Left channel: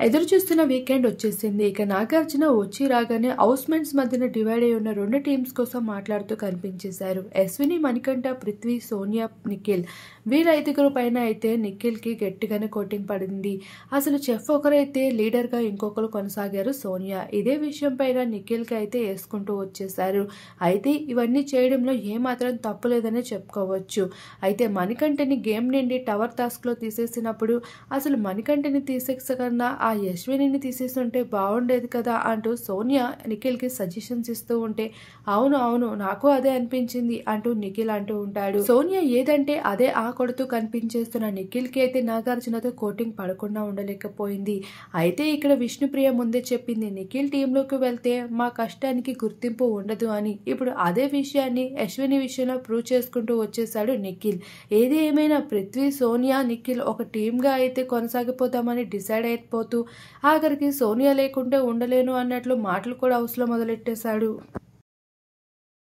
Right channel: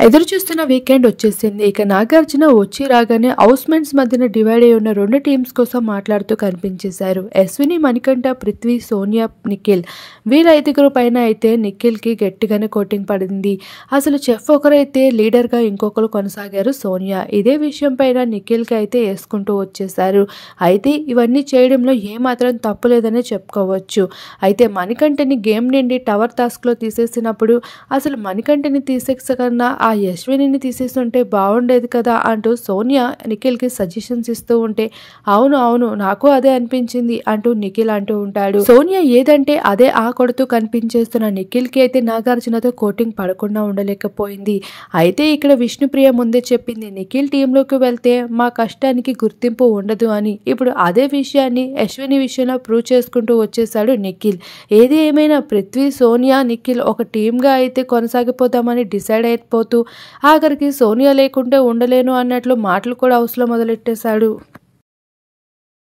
ఎదురు చూస్తున్న వీకెండ్ వచ్చేసింది. ఇక నాగార్జున వచ్చి రాగానే హౌస్‌మేట్స్ మధ్యన డివైడ్ అయి ఉన్న 2 టీమ్స్ కోసం మాట్లాడుతూ కనిపించేశారు. అశ్విని, మణికంఠ, పృథ్వీ, సోనియా, నిఖిల్ వీళ్ళ 5గురు పైన అయితే నిఖిల్‌కి గట్టిగానే కోటింగ్ పడింది. అసలు చెఫ్ ఒకరైతే లీడర్‌గా ఇంకొకరు కొనసాగారు సోనియా. ఇదే విషయం పైన నిఖిల్‌కి అయితే యేసుకుంటూ వచ్చేశారు. అయితే ఇవన్నీ చేయడంలో ఏమాత్రం తప్పు లేదనే చెప్పుకోవచ్చు. అయితే మణికంఠని గేమ్ నుండి టవర్ టాస్క్‌లో తీసేసినప్పుడు అసలు మణికంఠని తీసేసకన్నా ఆ యశ్వినిని తీసేసుంటే బాగుండేది కదా అంటూ సోనియా నిఖిల్‌కి సజెషన్స్ ఇస్తూ ఉంటే అవును అవును నాకు అదే అనిపించింది అంటూ నిఖిల్ అంటూ ఉంటాడు. సోనియా ఏదంటే అదే కొడుతూ కనిపించేస్తున్న నిఖిల్‌కి అయితే నాగార్జునతో కోటింగ్ పడకుండా ఉండలేకపోయింది. అయితే ఇక్కడ విష్ణుప్రియ ముందే చెప్పింది నిఖిల్ టీంలోకి వెళ్తే మా కష్టానికి గుర్తింపు ఉండదు అని. ఇప్పుడు అదే విషయాన్ని అశ్విని విషయంలో ప్రూవ్ చేసుకుంటూ వచ్చేసాడు నిఖిల్. ఏది ఏమైనా పృథ్వీ, సోనియా, నిఖిల్ ఒక టీమ్‌గా అయితే కొనసాగిపోదామని డిసైడ్ అయిపోతూ ఆఖరికి సోనియా లేకుంటే ఉండలేను అన్నట్లు మాటలు కూడా హౌస్‌లో మొదలెట్టేశాడు.